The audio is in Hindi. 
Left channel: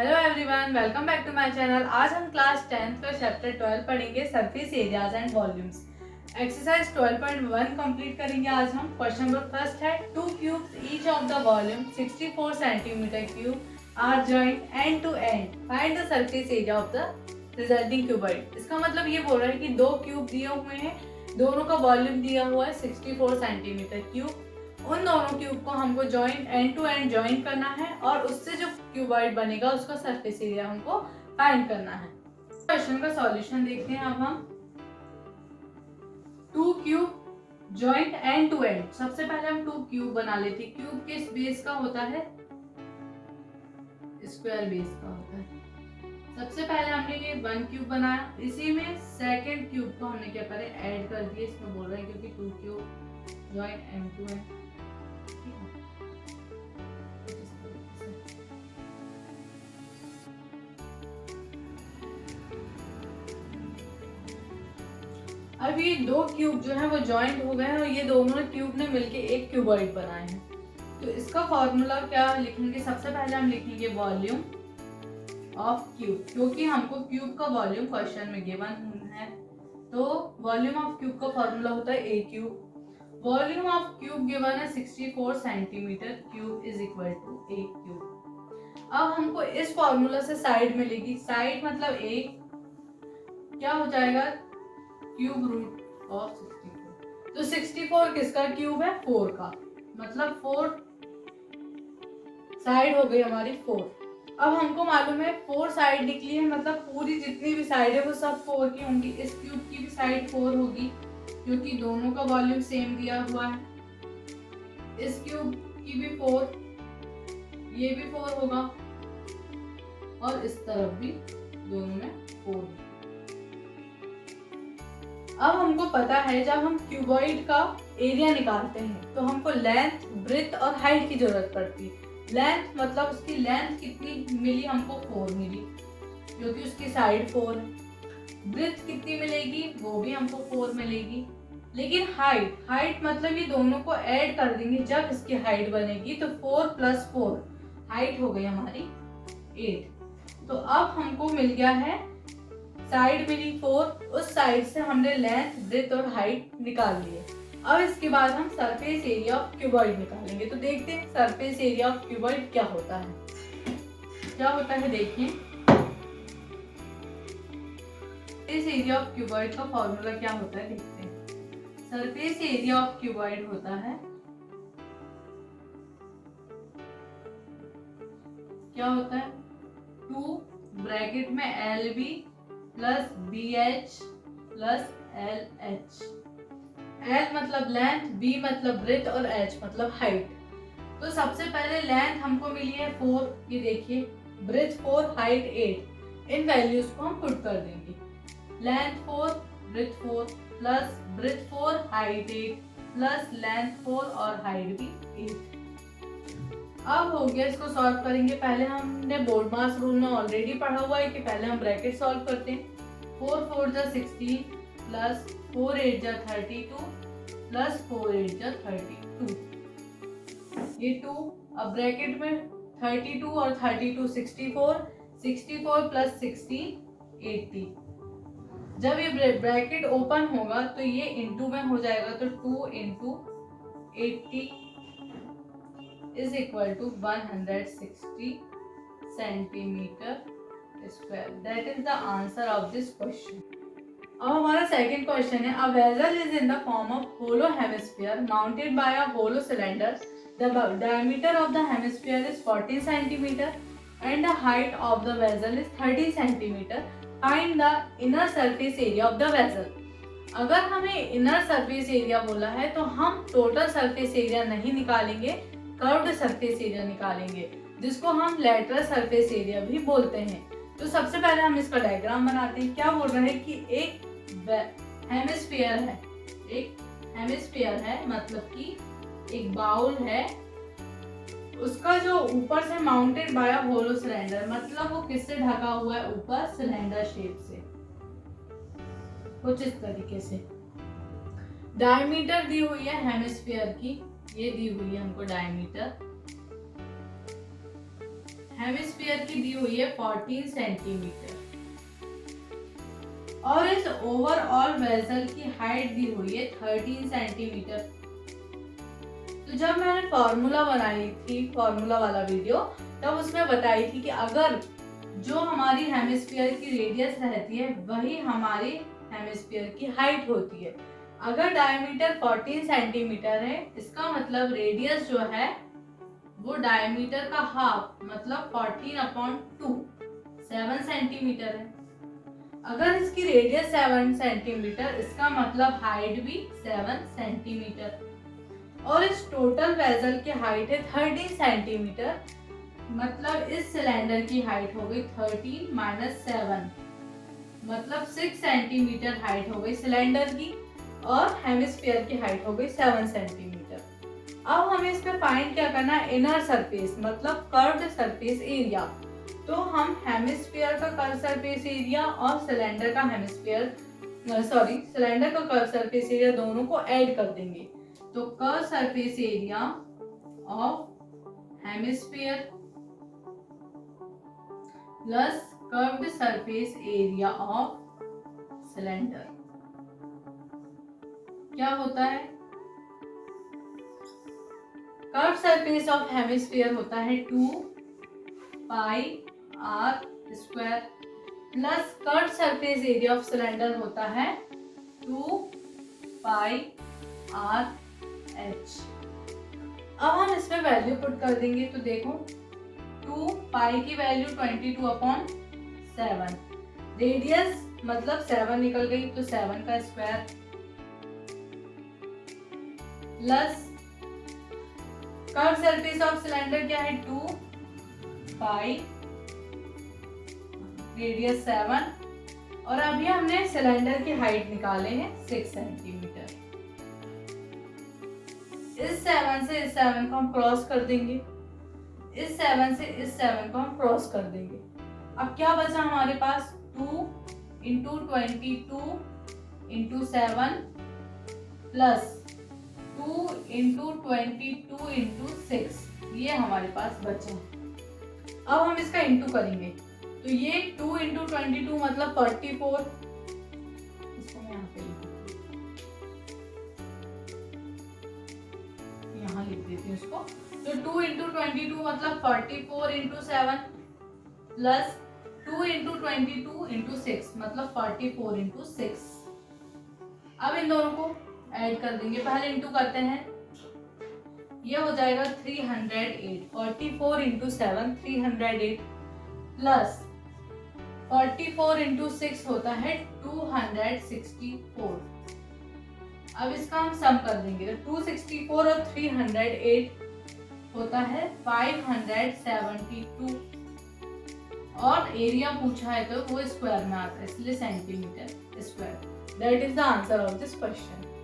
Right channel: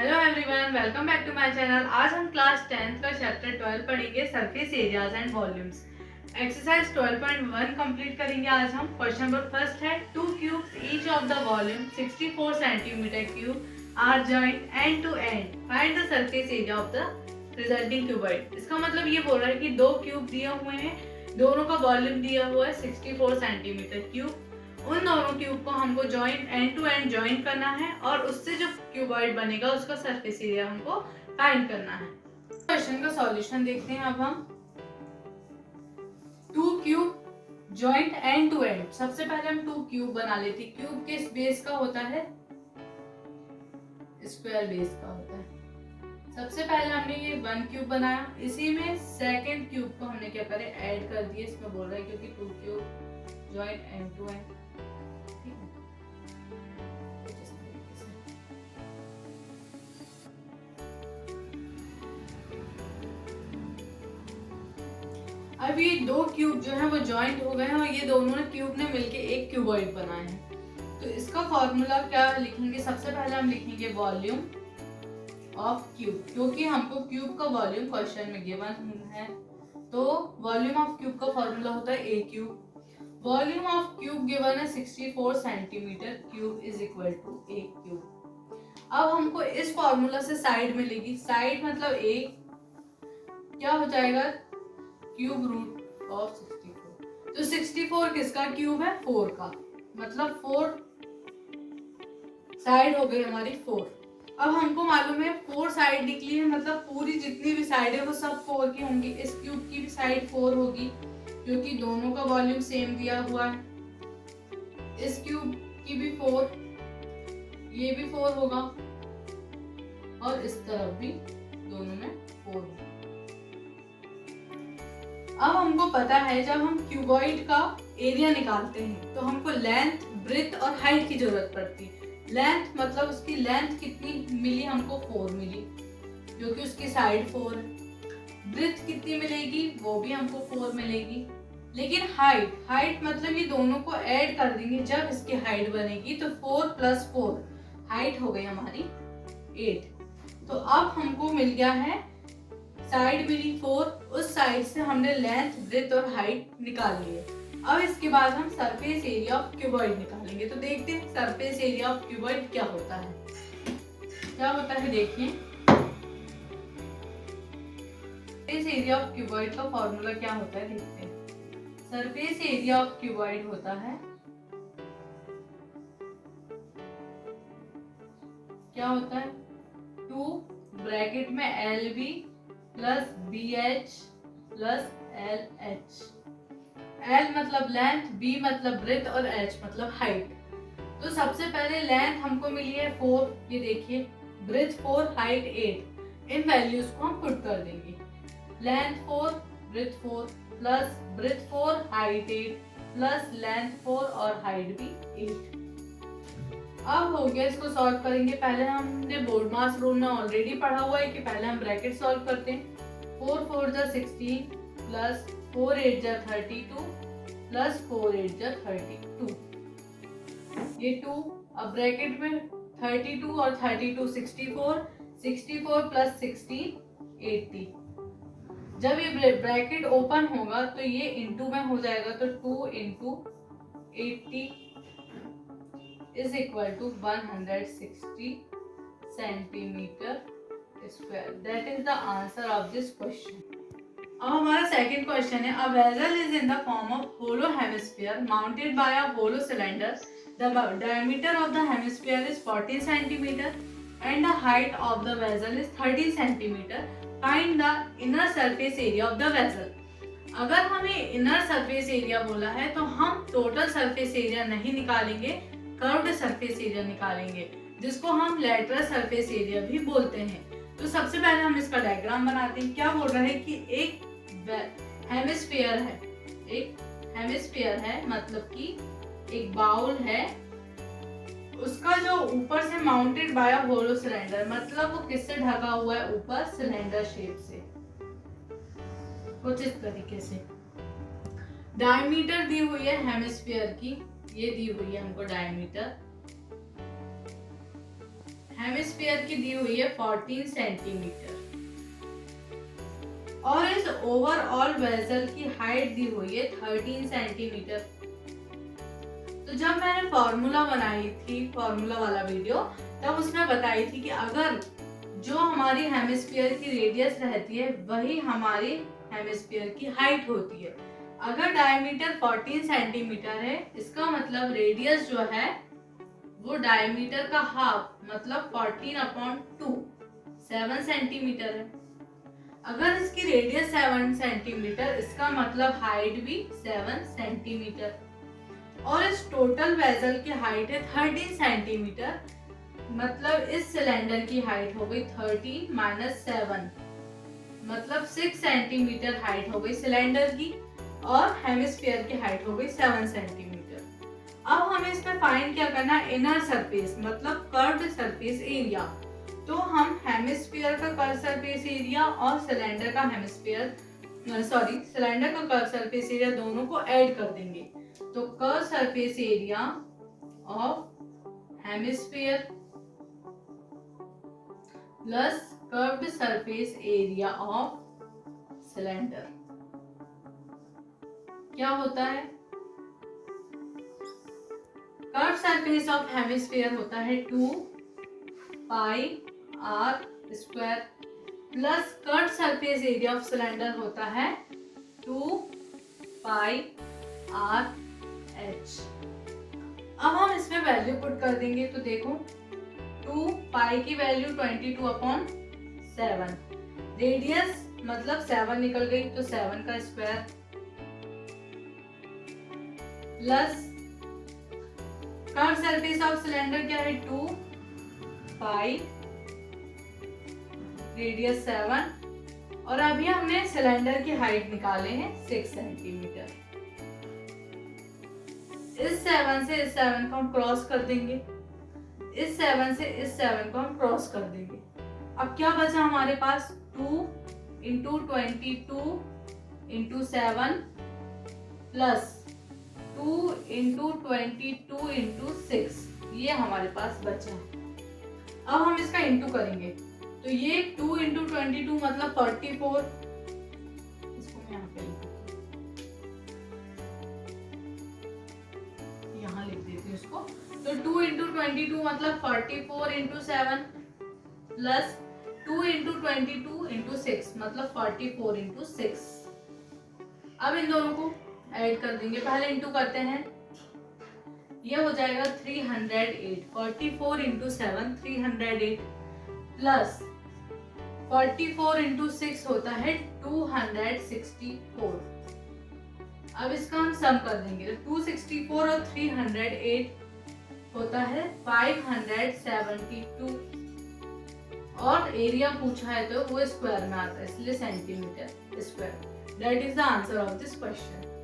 Hello everyone, welcome back to my channel. आज हम क्लास 10th का चैप्टर 12 पढ़ेंगे, surface areas and volumes. Exercise 12.1 complete करेंगे। आज हम क्वेश्चन नंबर फर्स्ट है, two cubes each of the volume 64 centimetre cube are joined end to end, find the surface area of the resulting cuboid. इसका मतलब ये बोल रहा है कि दो क्यूब दिए हुए हैं, दोनों का वॉल्यूम दिया हुआ है 64 सेंटीमीटर क्यूब। उन दोनों क्यूब को हमको joint end to end joint करना है और उससे जो क्यूबॉइड बनेगा उसका सरफेस एरिया हमको फाइंड करना है। क्वेश्चन का सॉल्यूशन देखते हैं। अब हम two cube joint end to end, सबसे पहले हम टू क्यूब बना लेते हैं। क्यूब किस बेस का होता है? स्क्वायर बेस का होता है। सबसे पहले हमने ये वन क्यूब बनाया, इसी में सेकंड क्यूब को हमने क्या करे, ऐड कर दिए। इसमें बोल रहे हैं क्योंकि two cube joint end to end. अब ये दो क्यूब जो है वो जॉइंट हो गए हैं और ये दोनों क्यूब ने मिलके एक क्यूबॉइड बनाए हैं। तो इसका फॉर्मूला क्या लिखेंगे? सबसे पहले हम लिखेंगे वॉल्यूम ऑफ क्यूब, क्योंकि हमको क्यूब का वॉल्यूम क्वेश्चन में गिवन है। तो वॉल्यूम ऑफ क्यूब का फॉर्मूला होता है a cube. Volume of cube given है 64 centimetre cube is equal to a cube. अब हमको इस फॉर्मूला से साइड मिलेगी। साइड मतलब ए, क्या हो जाएगा? Cube root of 64। तो 64 किसका क्यूब है? 4 का, मतलब 4 साइड हो गई हमारी 4। अब हमको मालूम है 4 साइड निकली है, मतलब पूरी जितनी भी साइड है वो सब 4 की होंगी। इस क्यूब की भी साइड 4 होगी क्योंकि दोनों का वॉल्यूम सेम दिया हुआ है। इस क्यूब की भी 4, ये भी 4 होगा और इस तरफ भी दोनों में 4 होगा। अब हमको पता है जब हम क्यूबॉइड का एरिया निकालते हैं तो हमको लेंथ, ब्रेथ और हाइट की जरूरत पड़ती है। लेंथ मतलब उसकी लेंथ कितनी मिली हमको? 4 मिली, क्योंकि उसकी साइड 4 है। ब्रेथ कितनी मिलेगी? वो भी हमको 4 मिलेगी। लेकिन हाइट मतलब ये दोनों को ऐड कर देंगे जब इसकी हाइट बनेगी, तो 4 + 4 हाइट हो गई हमारी 8। तो अब हमको मिल गया है, साइड मिली 4, उस साइड से हमने लेंथ, ब्रेथ और हाइट निकाल लिए। अब इसके बाद हम सरफेस एरिया ऑफ क्यूबॉइड निकालेंगे। तो देखते हैं सरफेस एरिया ऑफ क्यूबॉइड क्या होता है। क्या होता है देखिए, सरफेस एरिया ऑफ क्यूबॉइड का फॉर्मूला क्या होता है देखते हैं। सरफेस एरिया ऑफ क्यूबॉइड होता है, क्या होता है? 2 ब्रैकेट में LB plus BH plus LH। L मतलब लेंथ, B मतलब ब्रेथ और H मतलब हाइट। तो सबसे पहले लेंथ हमको मिली है 4, ये देखिए, ब्रेथ 4, हाइट 8। इन वैल्यूज को हम पुट कर देंगे। Length 4, breadth 4 plus breadth 4, height 8 plus length 4 और हाइट भी 8। अब हो गया, इसको सॉल्व करेंगे। पहले हमने बोर्ड मास रूल में ऑलरेडी पढ़ा हुआ है कि पहले हम ब्रैकेट सॉल्व करते हैं। 4 4 जा 16 प्लस 4 8 जा 32 प्लस 4 8 जा 32, ये 2। अब ब्रैकेट में 32 और 32 64, 64 प्लस 16 80। जब ये ब्रैकेट ओपन होगा तो ये इनटू में हो जाएगा, तो 2 × 80 is equal to 160 centimetre square. That is the answer of this question. अब हमारा सेकंड क्वेश्चन है, a vessel is in the form of hollow hemisphere mounted by a hollow cylinder. The diameter of the hemisphere is 40 centimetre and the height of the vessel is 30 centimetre. Find the inner surface area of the vessel. अगर हमें इनर सरफेस एरिया बोला है तो हम टोटल सरफेस एरिया नहीं निकालेंगे, कर्व्ड सरफेस एरिया निकालेंगे, जिसको हम लेटरल सरफेस एरिया भी बोलते हैं। तो सबसे पहले हम इसका डायग्राम बनाते हैं। क्या बोल रहा है कि एक हेमिस्फीयर है, एक हेमिस्फीयर है मतलब कि एक बाउल है, उसका जो ऊपर से माउंटेड बाय होलो सिलेंडर, मतलब वो किससे ढका हुआ है? ऊपर सिलेंडर शेप से, कुछ इस तरीके से। डायमीटर दी हुई है हेमिस्फीयर की, ये दी हुई है हमको डायमीटर। हेमिस्फीयर की दी हुई है 14 सेंटीमीटर और इस ओवरऑल वेसल की हाइट दी हुई है 13 सेंटीमीटर। तो जब मैंने फॉर्मूला बनाई थी, फॉर्मूला वाला वीडियो, तब उसमें बताई थी कि अगर जो हमारी हेमिस्फीयर की रेडियस रहती है वही हमारी हेमिस्फीयर की हाइट होती है। अगर डायमीटर 14 सेंटीमीटर है, इसका मतलब रेडियस जो है वो डायमीटर का हाफ मतलब 14/2 7 सेंटीमीटर है। अगर इसकी रेडियस 7 सेंटीमीटर, इसका मतलब हाइट भी 7 सेंटीमीटर। और इस टोटल वेसल की हाइट है 13 सेंटीमीटर, मतलब इस सिलेंडर की हाइट हो गई 13 - 7 मतलब 6 सेंटीमीटर हाइट हो गई सिलेंडर की और हेमिस्फीयर की हाइट हो गई 7 सेंटीमीटर। अब हमें इसमें फाइंड क्या करना है, इनर सरफेस मतलब कर्व्ड सरफेस एरिया। तो हम हेमिस्फीयर का कर्व सरफेस एरिया और सिलेंडर का सिलेंडर का कर्व सरफेस एरिया दोनों को ऐड कर देंगे। तो curve surface area of hemisphere plus curved surface area of cylinder क्या होता है, कर्व सरफेस ऑफ हेमिस्फीयर होता है 2πr² plus curve surface area of cylinder होता है 2πrh। अब हम इसमें वैल्यू पुट कर देंगे। तो देखो 2π की वैल्यू 22/7, रेडियस मतलब 7 निकल गई तो 7 का square plus curve surface of cylinder क्या है 2π, रेडियस 7 और अभी हमने सिलेंडर की हाइट निकाले हैं 6 सेंटीमीटर। इस 7 से इस 7 को हम क्रॉस कर देंगे, इस 7 से इस 7 को हम क्रॉस कर देंगे। अब क्या बचा हमारे पास 2 × 22 × 7 प्लस 2 × 22 × 6, ये हमारे पास बचा। अब हम इसका इंटू करेंगे तो ये 2 × 22 मतलब 44, इसको मैं यहाँ लिख देती हूँ इसको। तो 2 × 22 मतलब 44 × 7 प्लस 2 × 22 × 6 मतलब 44 × 6। अब इन दोनों को ऐड कर देंगे, पहले इंटू करते हैं, ये हो जाएगा 308, 44 × 7 308 प्लस 44 × 6 होता है 264। अब इसका हम सम कर देंगे तो 264 और 308 होता है 572 और एरिया पूछा है तो वो स्क्वायर में आता है, इसलिए centimetre square. That is the answer of this question.